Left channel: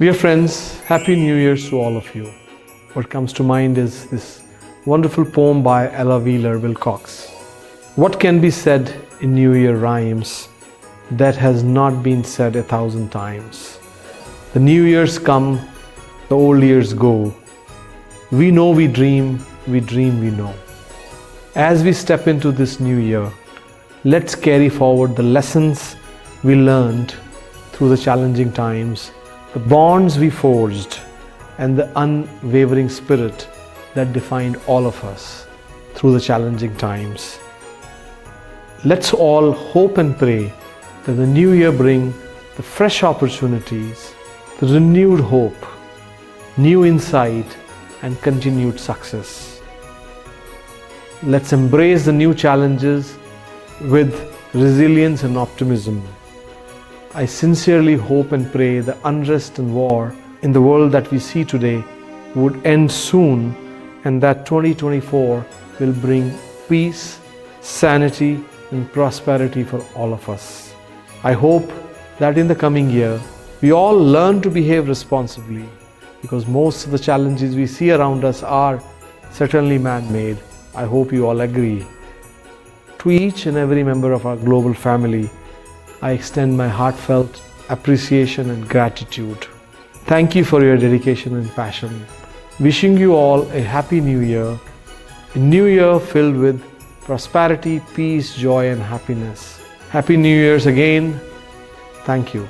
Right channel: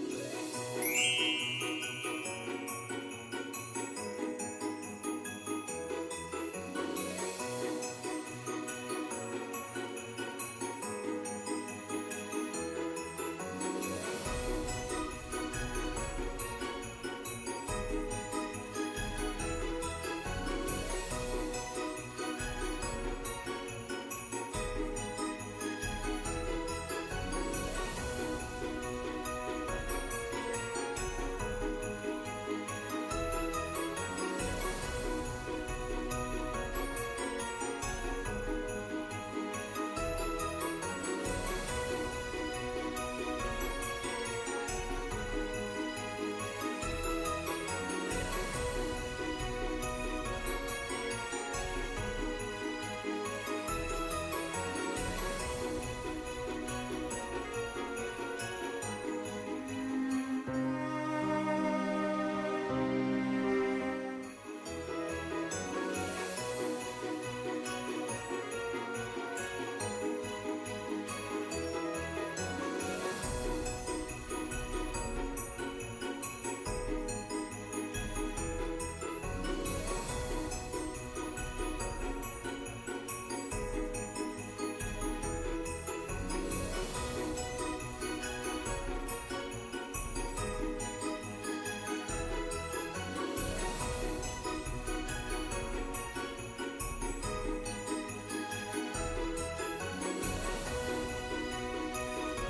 Dear friends, Happy New Year to all of you. What comes to mind is this wonderful poem by Ella Wheeler Wilcox. What can be said in New Year rhymes that has not been said 1,000 times? The New Years come, the old years go. We know we dream we know. As we step into this new year, let's carry forward the lessons we learned through the challenging times, the bonds we forged, and the unwavering spirit that defined all of us through the challenging times. Let's all hope and pray that the new year bring the fresh opportunities, the renewed hope, new insight, and continued success. Let's embrace the new challenges with resilience and optimism. I sincerely hope and pray the unrest and war in the world that we see today would end soon, and that 2024 will bring peace, sanity, and prosperity for all of us. I hope that in the coming year, we all learn to behave responsibly, because most of the challenges we see around us are certainly man-made. I hope you all agree. To each and every member of our global family, I extend my heartfelt appreciation and gratitude. Thank you for your dedication and passion. Wishing you all a happy new year, a new year filled with prosperity, peace, joy, and happiness. Happy New Year's again. Thank you.